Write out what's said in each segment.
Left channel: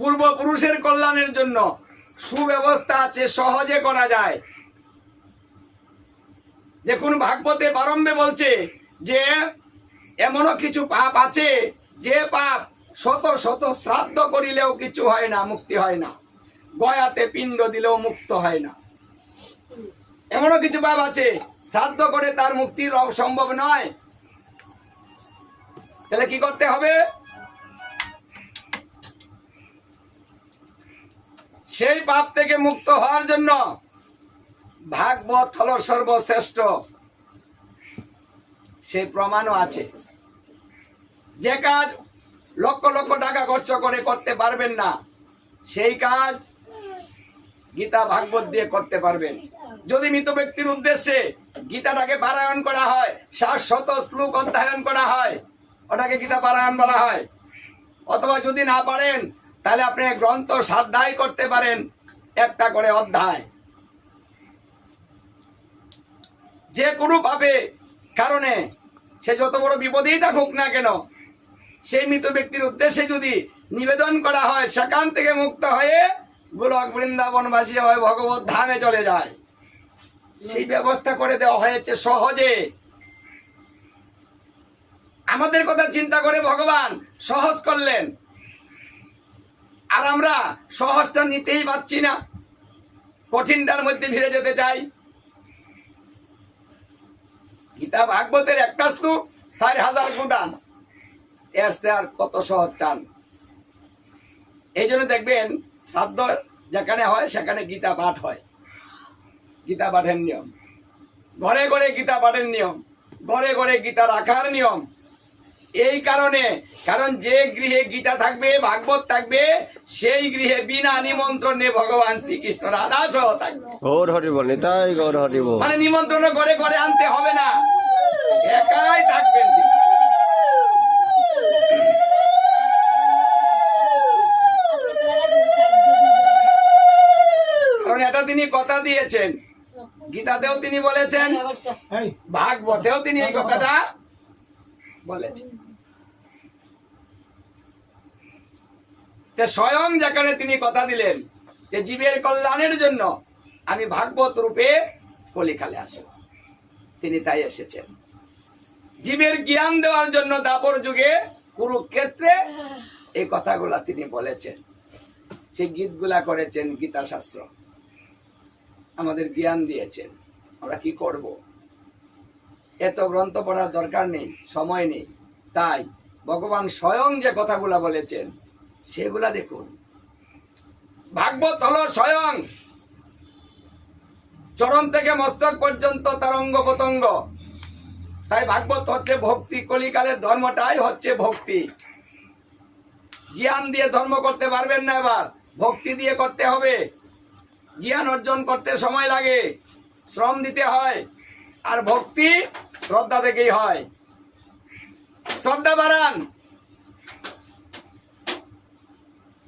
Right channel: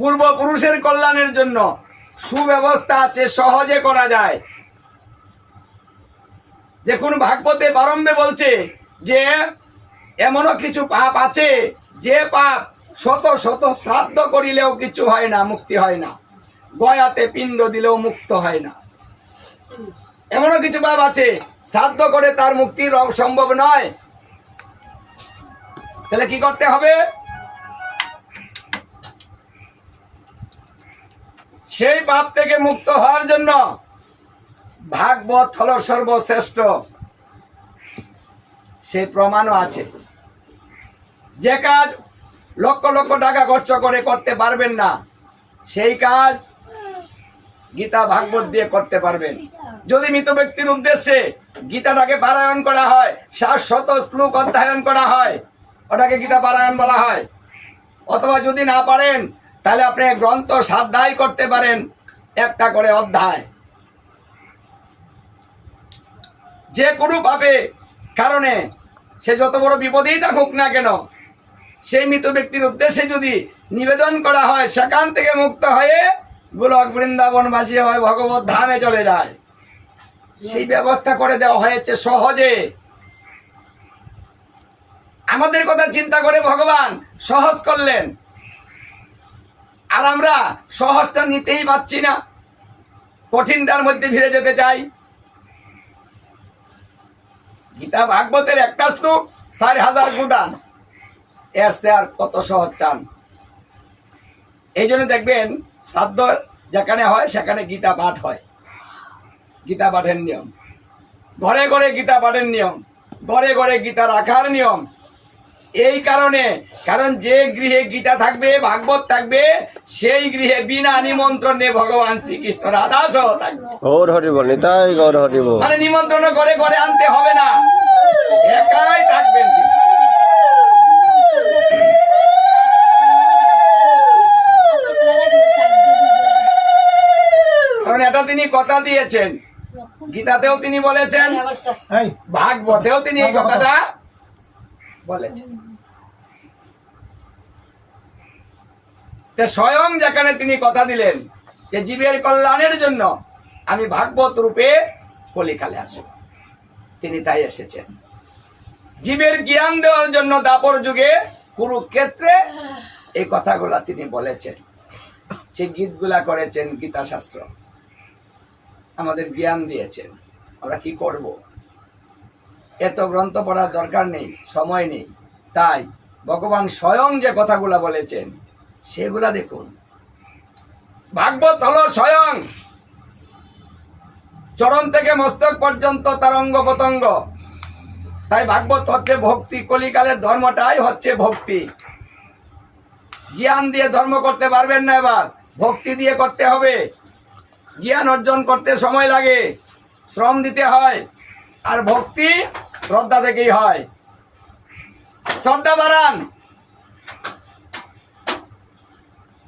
পূর্বপুরুষের কল্যাণের জন্য সুব্যবস্থা আছে, সহজে করা যায়। দেখুন ভাগবতে বারম্বে বলছে যে এমনও কিছু পাপ আছে যে পাপ শত শত শ্রাদ্ধ করিলেও কিছু হয় না, মুক্তি হয় না, গয়াতে পিণ্ড দিলেও মুক্ত হয় না। এমনও কিছু পাপ আছে শ্রাদ্ধ করে তার মুক্তি সম্ভব নয়। তাহলে কি করতে হবে? সেই পাপ থেকে মুক্ত হওয়ার জন্য ভাগবত হল সর্বশ্রেষ্ঠ, সেই প্রমাণও আছে। যে কাজ লক্ষ লক্ষ টাকা খরচ করে করতে পারবেন না, সেই কাজ গীতা ভাগবত দিয়ে করতে পারবেন। যদি মৃত ব্যক্তির উদ্দেশ্যে গীতাটাকে পারায়ণ করা হয়, 700 শ্লোক অধ্যয়ন করা হয়, ওটাকে গীতা পারায়ণ বলা হয়। অথবা যদি না পারেন তাহলে আপনি গ্রন্থ স্বাধ্যায় করতে পারেন, একটা করে অধ্যায়। যে কোনো ভাবে কারণে সে যত বড় বিপদেই থাকুক না কেন, সেই মৃত ব্যক্তির উদ্দেশ্যে যদি নিবেদন করা হয়, সেখান থেকে মুক্ত হয়ে গোলক বৃন্দাবনবাসী হয়, ভগবত ধামে চলে যায়। সেই ব্যবস্থা করে দেওয়া হয়েছে সহজে। আমাদের কথা চিন্তা করে ভগবান সহজ করলেন, আর আমরা সহজটা নিতেই পারছি না, কঠিনটার মধ্যে ফিরে যেতে চাই। গীতা ভাগবতের একটা শ্লোক 4000 গুদান, এর চেয়ে আর কত সহজ চান? এই জন্য দেখবেন শ্রাদ্ধ যেখানে হয় সেখানে গীতা পাঠ হয়। গীতা পাঠের নিয়ম, ঘরে ঘরে গীতা পাঠের নিয়ম, ঘরে ঘরে গীতা রাখার নিয়ম। এই কারণে, কারণ যে গৃহে গীতা থাকবে, ভাগবত থাকবে, সেই গৃহে বিনা নিমন্ত্রণে ভগবান শ্রীকৃষ্ণ রাধা সহ থাকবে। গৌর হরি বল, তাই গৌর হরি বল। মানে নিমন্ত্রণ ঘরে ঘরে আনতে হবে না, একাই থাকবেন তিনি। কারণ এটা তিনি কথা দিয়েছেন, গীতাতেও তিনি বলেছেন, ভাগবতেও তিনি এই কথাটা বলেছেন। স্বয়ং যেখানে তিনি কথা দিলেন যে জীবের কল্যাণের জন্য আমি ভাগবত রূপে কলিকালে আসব, তিনি তাই এসেছেন। জীবের জ্ঞান দেওয়ার জন্য দাপর যুগে কুরুক্ষেত্রে এই কথাগুলা তিনি বলেছেন। সেই গীতগুলা করেছেন, গীতা শাস্ত্র আমাদের জ্ঞান দিয়েছেন। আমরা কি করব? এত গ্রন্থ পড়ার দরকার নেই, সময় নেই। তাই ভগবান স্বয়ং যে কথাগুলা বলেছেন সেগুলা দেখুন। ভাগবত হলো স্বয়ং চরণ থেকে মস্তক পর্যন্ত তার অঙ্গ প্রত্যঙ্গ। তাই ভাগবত হচ্ছে ভক্তি, কলিকালের ধর্মটাই হচ্ছে ভক্তি। জ্ঞান দিয়ে ধর্ম করতে পারবেন না, এবার ভক্তি দিয়ে করতে হবে। জ্ঞান অর্জন করতে সময় লাগে, শ্রম দিতে হয়, আর ভক্তি শ্রদ্ধা থেকেই হয়। শ্রদ্ধা বাড়ান।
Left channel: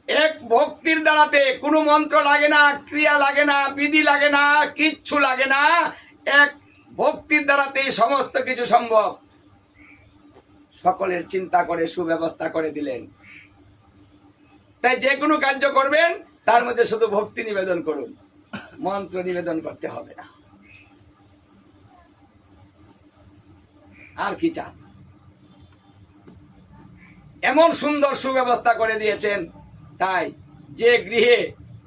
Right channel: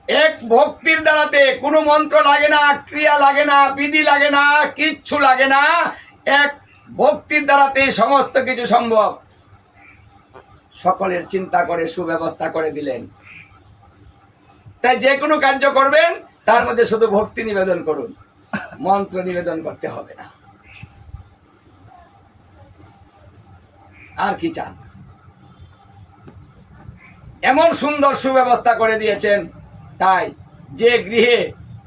এক ভক্তির দ্বারাতে কোনো মন্ত্র লাগে না, ক্রিয়া লাগে না, বিধি লাগে না, কিচ্ছু লাগে না। এক ভক্তির দ্বারাতে সমস্ত কিছু সম্ভব। সকলের চিন্তা করে সুব্যবস্থা করে দিলেন। তাই যে কোনো কার্য করবেন তার মধ্যে শুধু ভক্তি নিবেদন করুন, মন্ত্র নিবেদন করতে হবে না। আর কি চান? এমন সুন্দর সুব্যবস্থা করে দিয়েছেন। তাই যে গৃহে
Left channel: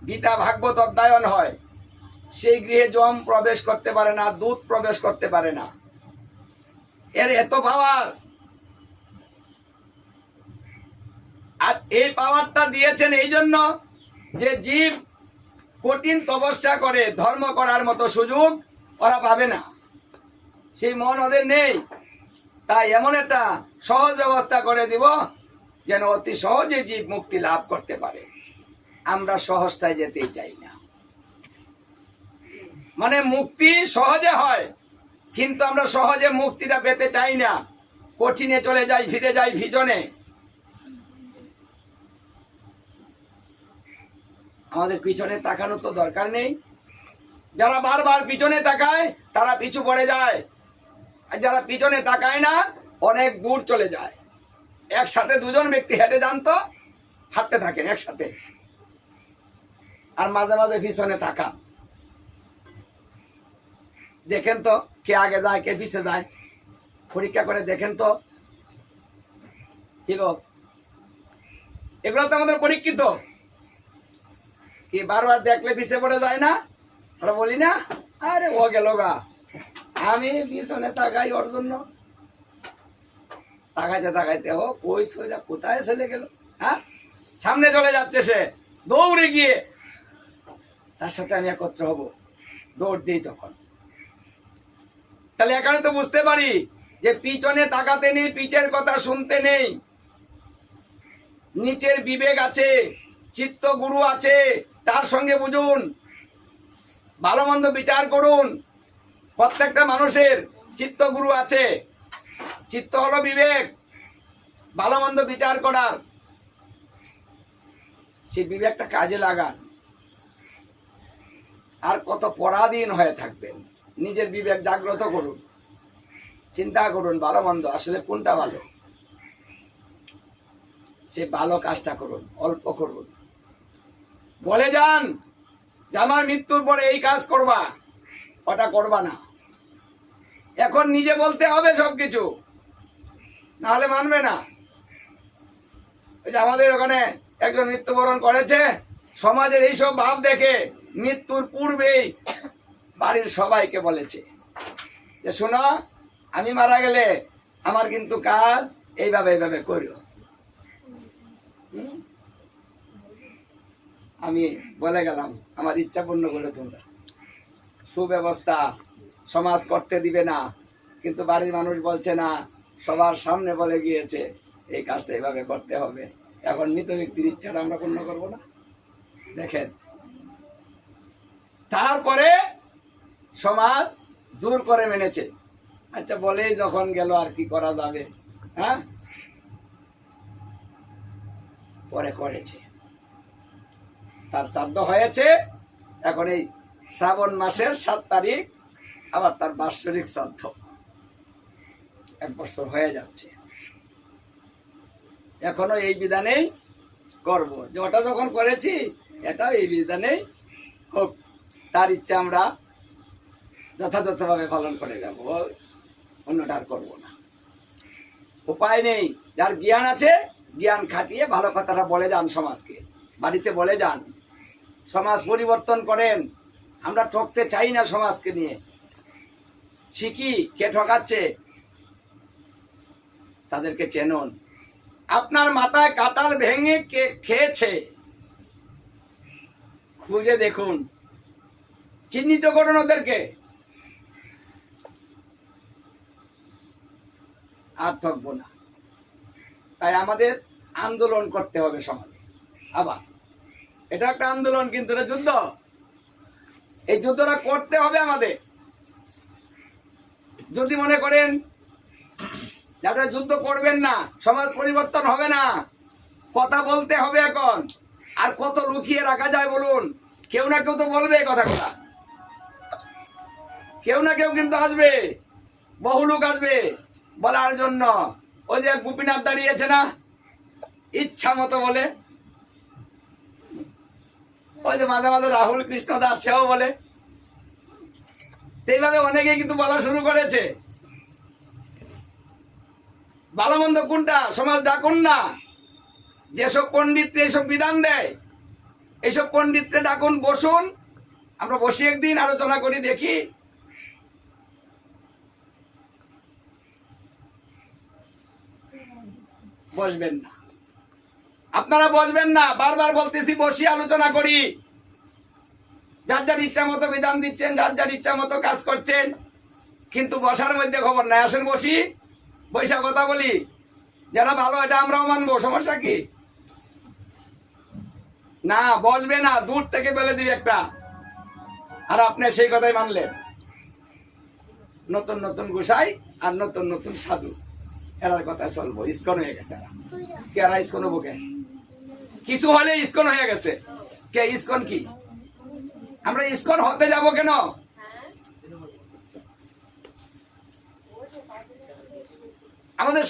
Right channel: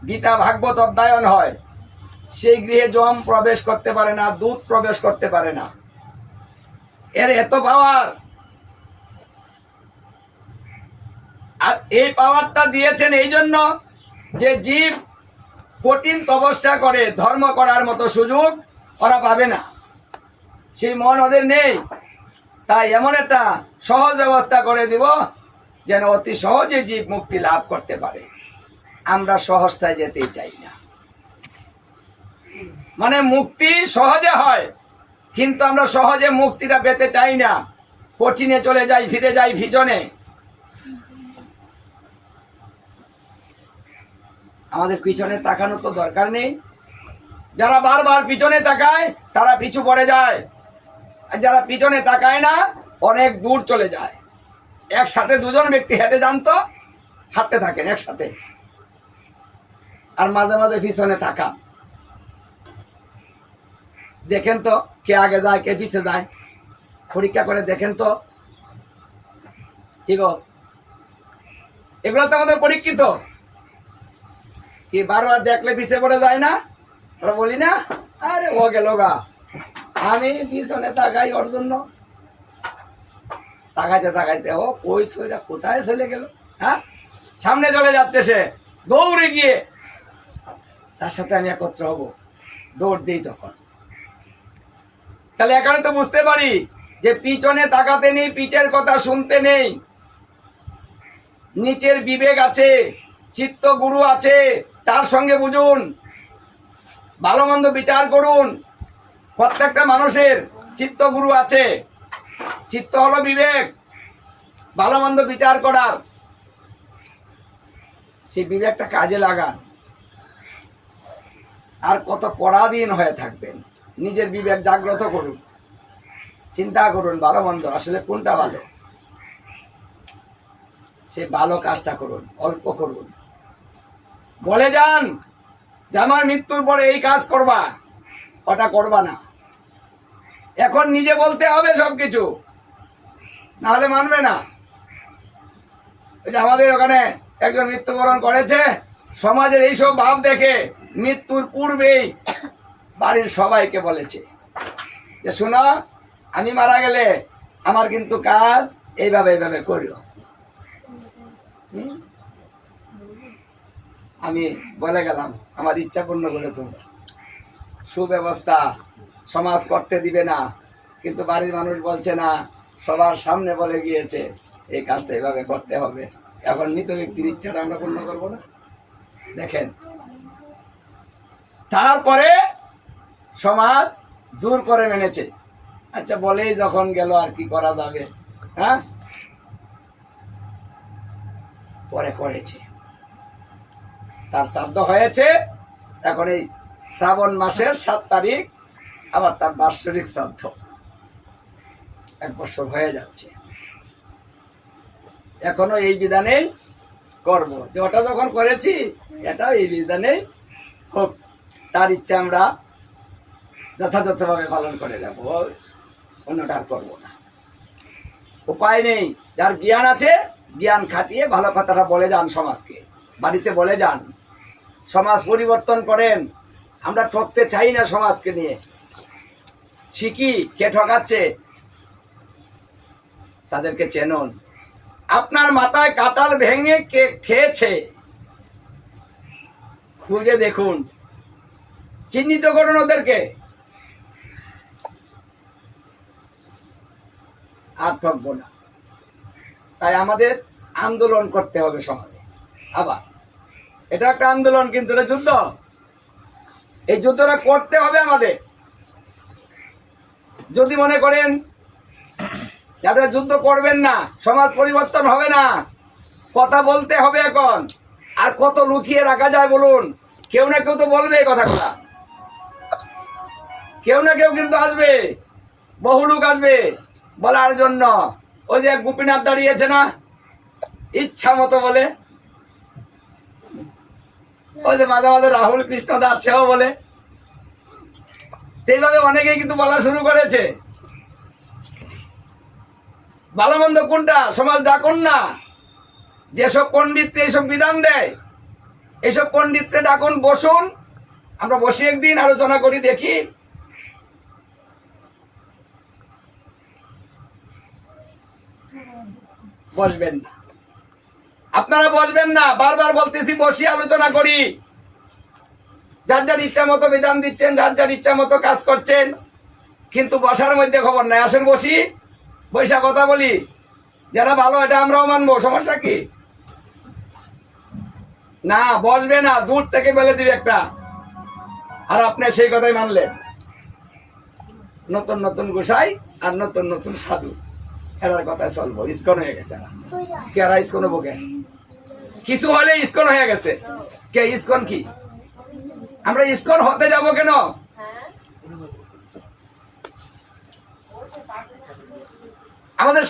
গীতা ভাগবত অধ্যয়ন হয় সেই গৃহে যম প্রবেশ করতে পারে না, দূত প্রবেশ করতে পারে না। এর এত পাওয়ার। আর এই পাওয়ারটা দিয়েছেন এই জন্য যে জীব কঠিন তপস্যা করে ধর্ম করার মতো সুযোগ ওরা পাবে না, সেই মন ওদের নেই। তাই এমন একটা সহজ ব্যবস্থা করে দিব যেন অতি সহজে জীব মুক্তি লাভ করতে পারে। আমরা সহজটায় যেতেই চাই না। মানে মুক্তি সহজে হয়, কিন্তু আমরা সহজে মুক্তিটা পেতে চাই না, কঠিনে চলে যাই, ফিরে যাই ভিজনে। আমাদের পিছনে তাকানো তো দরকার নেই। যারা বারবার পিছনে তাকায় তারা পিছু পড়ে যায়, আর যারা পিছনে তাকায় না অনেক দূর চলে যায়। একসাথে দুজন ব্যক্তি হেঁটে যান তো, হাঁটতে থাকেন একসাথে, আর মাঝে মাঝে পিছনে তাকান, দেখেন তো কে আগে যায় কে পিছে যায়, পরীক্ষা করে দেখেন তো। ঠিক, এগুলো তো আমাদের পরীক্ষিত। কি বারবার দেখলে পিছে পড়ে যায় না? আমরা বলি না, আরে ও গেল গা, আমি পিছনে তাকাই ওর জন্য। তাকাইতে তাকাইতে ও কই সোজা কোথায় চলে গেল, হ্যাঁ সামনে চলে যাচ্ছে সে, দৌড়ে গিয়ে তার সাথে আমি একত্র হব, দৌড় দিই তখন। তাহলে এখানে তো বুঝতে পারি যে পিছনে তাকাতে নেই, পিছের কথা শুনতে নেই। নিচের বিবেক আছে, চিত্ত গুরু আছে, তার সঙ্গে বুঝুন, ভালো মন্দ বিচার করুন। প্রত্যেকটা মানুষের চিত্ত গুরু আছে, চিত্ত হলো বিবেক, ভালো মন্দ বিচার করার। সেই বিবেকটা কাজে লাগান। আর কত পরাধীন হয়ে থাকবেন, নিজের বিবেক জাগ্রত করুন, চিন্তা করুন ভালো মন্দ আসলে কোনটা ভালো, সে ভালো কাজটা করুন, অল্প করুন। বলে যান যে আমার মৃত্যুর পরে এই কাজ করবা, ওটা করবা না। এখন নিজে বলতে হবে সবকিছু, নাহলে মানবে না। ওই যে আমাদের ওখানে একজন মৃত্যুবরণ করেছে, সমাজের এইসব ভাব দেখে মৃত্যুর পূর্বেই বাড়ির সবাইকে বলেছে যে শোনো, আমি মারা গেলে আমার কিন্তু কাজ এইভাবে এইভাবে করিও। আমি বলে গেলাম আমার ইচ্ছা পূর্ণ করে তোমরা, সুব্যবস্থা সমাজ করতে দিবে না, কিন্তু বাড়ির মানুষ বলছে না, সবার সামনে বলে গিয়েছে এই কাজটা এইভাবে করতে হবে। এখন মৃত ব্যক্তির ইচ্ছাটা আমরা পূর্ণ করবো না? দেখেন, তারপরে সমাজ জোর করে মেনেছে। আচ্ছা বলেই যখন গেল আর কি করা যাবে, হ্যাঁ পরে করেছে, তার শ্রাদ্ধ হয়েছে। এখন এই শ্রাবণ মাসের 7 তারিখ আবার তার বাৎসরিক শ্রাদ্ধ, 1 বছর হয়ে যাচ্ছে। এখনো এই বিধানেই করব, যে ওটা যখন করেছি এটাও এই বিধানেই হোক, তার ইচ্ছা আমরা যথাযথভাবে পালন করে যাব, অন্যটা আর করবো না। উপায় নেই, যার জ্ঞান আছে জ্ঞান খাটিয়ে ভালো কথাটা বলে যান, সমাজকে বাড়িতে বলে যান, সমাজ পরিবর্তন করেন। আমরা ঠকতে চাই না সমাজকে নিয়ে। শিখি কে ঠকাচ্ছে, তাদেরকে চেনুন। আপনার মাথায় কাঁঠাল ভেঙে কে খেয়েছে খুঁজে দেখুন, চিহ্নিত করুন ওদেরকে, আর ঠকবো না। তাই আমাদের আন্দোলন করতে হবে সমাজে। আবার এটা একটা আন্দোলন, কিন্তু এটা যুদ্ধ। এই যুদ্ধটা করতে হবে আমাদের। যদি মনে করেন যারা যুদ্ধ করবেন না, সমাজ পরিবর্তন হবে না, কথা বলতে হবে এখন। আর কত লুকিয়ে রাখা যায় বলুন? কেউ না কেউ তো বলবে এই কথাগুলা, কেউ না কেউ কিন্তু আসবে, বহু লোক আসবে বলার জন্য। ওই যে গোপীনাথ দাঁড়িয়েছে না, ইচ্ছা মতো বলে। ওই যে মাঝে মাঝে রাহুল কৃষ্ণ দাস সেও বলে। এইভাবে অনেকে কিন্তু বলা শুরু করেছে। ভালো মন্দ কোনটা সমাজ ডাকুন না। যেসব পণ্ডিতকে এইসব বিধান দেয়, এইসব পণ্ডিতকে ডাকুন, বসুন, আমরা বসে একদিন আলোচনা করি, দেখি। বসবেন না, আপনারা বসবেন না। বারবার বলতেছি বসি আলোচনা করি। যার যার ইচ্ছা মতো বিধান দিচ্ছেন, যার যার ইচ্ছা মতো কাজ করছেন, কিন্তু বসার মধ্যে খবর নাই। আসেন বসি, বৈশা কথা বলি, যারা ভালো এটা আমরাও মানবো, সমস্যা কি? না, বসবে না, দূর থেকে বলে দিবে একটা, আর আপনি সেই কথাই মানলেন। নতুন নতুন গোসাই আর নতুন নতুন সাধু, এরার কথা চলবো। ইস্কন হয়ে গেছে কে? এরা ইস্কন হবো কে? কিছু হলে ইস্কন হয়ে গেছে কে? ইস্কন কি? আমরা ইস্কন হতে যাব কেন? আমাদের